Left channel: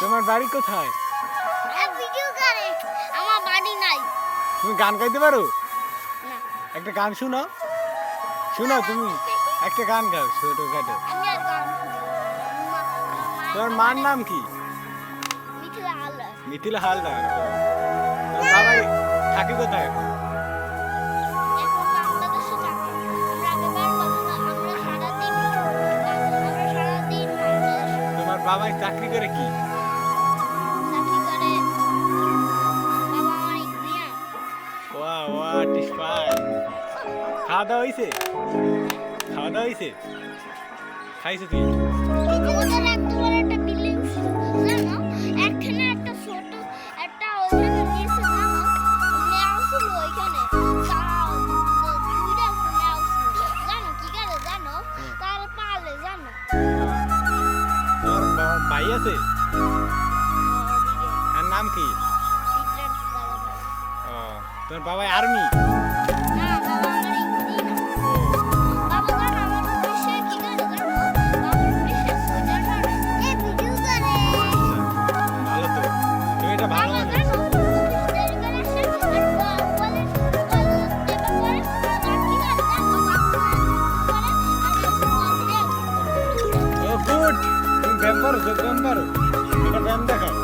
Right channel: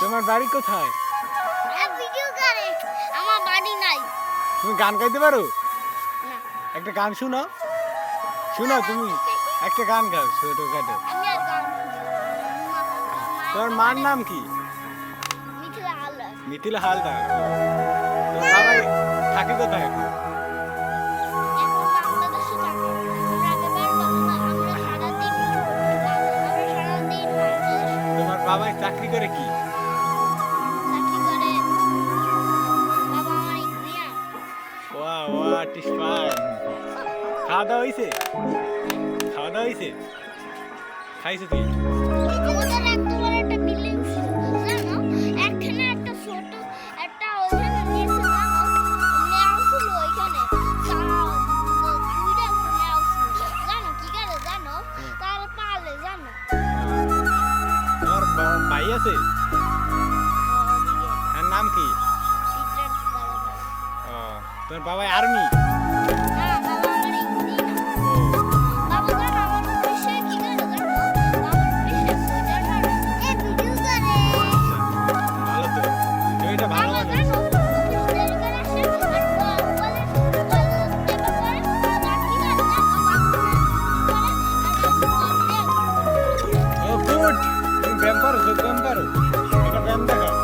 তোমার বাড়ি কোথায়? ভিডিও করে। আমার বাড়ি নাই। তুমি গান গাইতে পারো? না। একটা গান শুনো। শুনো তুমি একটা গান গাও ছোটখাটো। আমি আর গান শুনি না। তোমার মার নাম কি? মিথিলা হালদার। মিথিলা হালদার। ও। তোমার বাবাই থাকে কোথায় এখন? এখন বাংলাদেশে থাকে। আমরা আগেবার আমরা সারাদিন বাংলাদেশে তোমার বাবাই চাকরি করে কি? চাকরি করে। বাবা আমার ইঞ্জিনিয়ার। ওয়া হোয়াট ইজ ফাইন। খাওয়া দাওয়া হয়েছে? খাওয়া দাওয়া হয়েছে? খাইছো তুই? আমাদের এত বড় একটা বিল্ডিং ছিল জানো, একখানে একটা ছোট একটা ওইখানে নিচে জানো নেওয়া ছিল ওইখানে তারা দুইটা নেওয়া ছিল জানো কি করে জানো তার পালে জানো তোমার ভাই আছে? ওদিকে আর নাম কি? বিদ্যান দাদা ভাই। ও তোমার বাবাই আর্মি? না বাবা আমার ইঞ্জিনিয়ার। ও বাবা জানো আমার অফিসে কি করে জানো আমার অফিসে সোয়েটার করে এ ভিডিও করে ভালো তো, তুমি এটা ভালো বাবা মানুষ। জানো অফিস থেকে করে আসে আর বলে টেপা করে আর কি করে জানো করে আর ও গুড, তুমি ব্যায়াম পারো? যোগ ব্যায়াম পারো? এটা ব্যায়াম দেখাও।